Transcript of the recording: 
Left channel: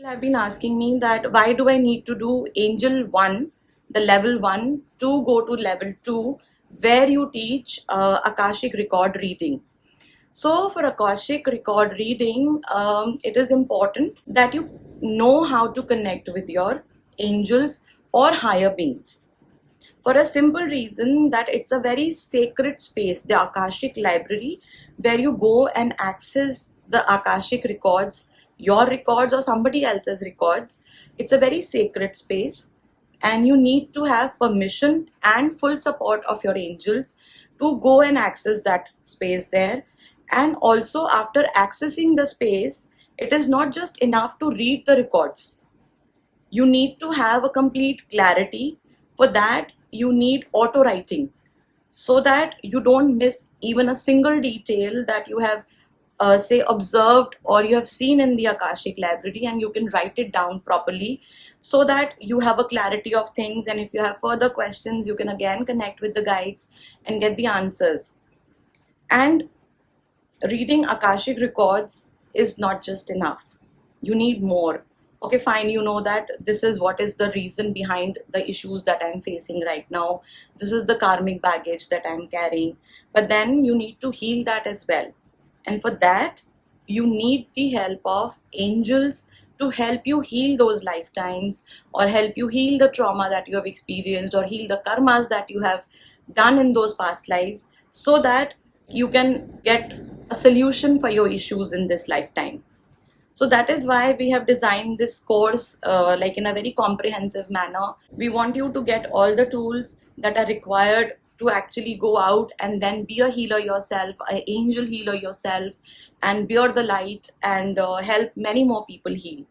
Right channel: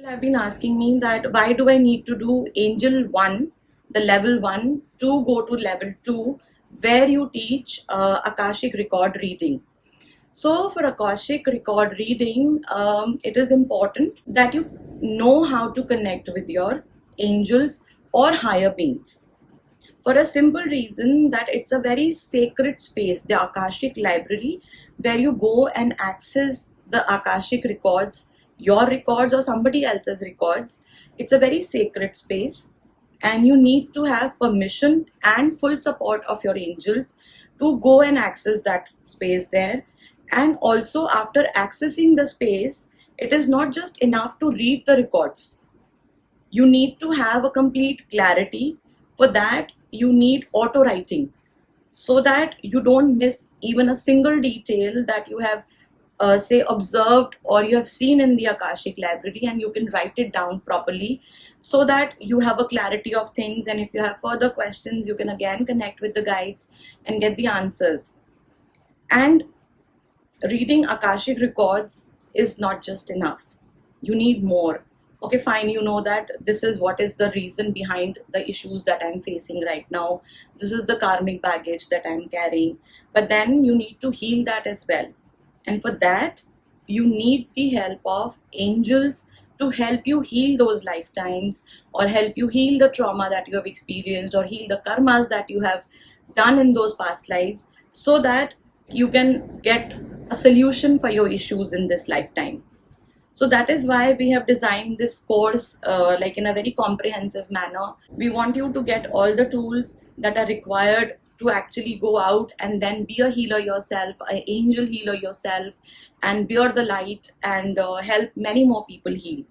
People have been asking me that why do I need to do Angel 1, the level 1, to go to level 2, where you teach Akashic record reading. So for Akashic record reading, it is important that you know how to connect with your angels or higher beings. For a simple reason that it's a very sacred space, the Akashic library, where you go and access the Akashic records, your records or somebody else's records. It's a very sacred space, and you need to have permission and full support of your angels to go and access that space there. And also, after accessing the space, it is not just enough to read the records. You need to have a complete clarity. For that, you need auto writing so that you don't miss even a single detail that you have, say, observed or you have seen in the Akashic library, and you can write it down properly so that you have a clarity of things. And if you have further questions, you can again connect with the guides and get the answers. And reading Akashic records is not just enough. You need more. Okay, fine, you know that this is what is the reason behind the issues that I'm facing right now. This is the karmic baggage that I'm carrying. But then you need to heal that as well. And for that, you need the help of angels to help you heal those lifetimes, or help you heal the trauma that you have experienced, or heal the karmas that you have done in those past lives, so that you can get a solution for your issues in this lifetime. So that is why we have designed this course like in a very comprehensive manner. We want you to get all the tools that are required to actually go out and then be a healer yourself, an angel healer yourself, and bear the light and help many more people heal.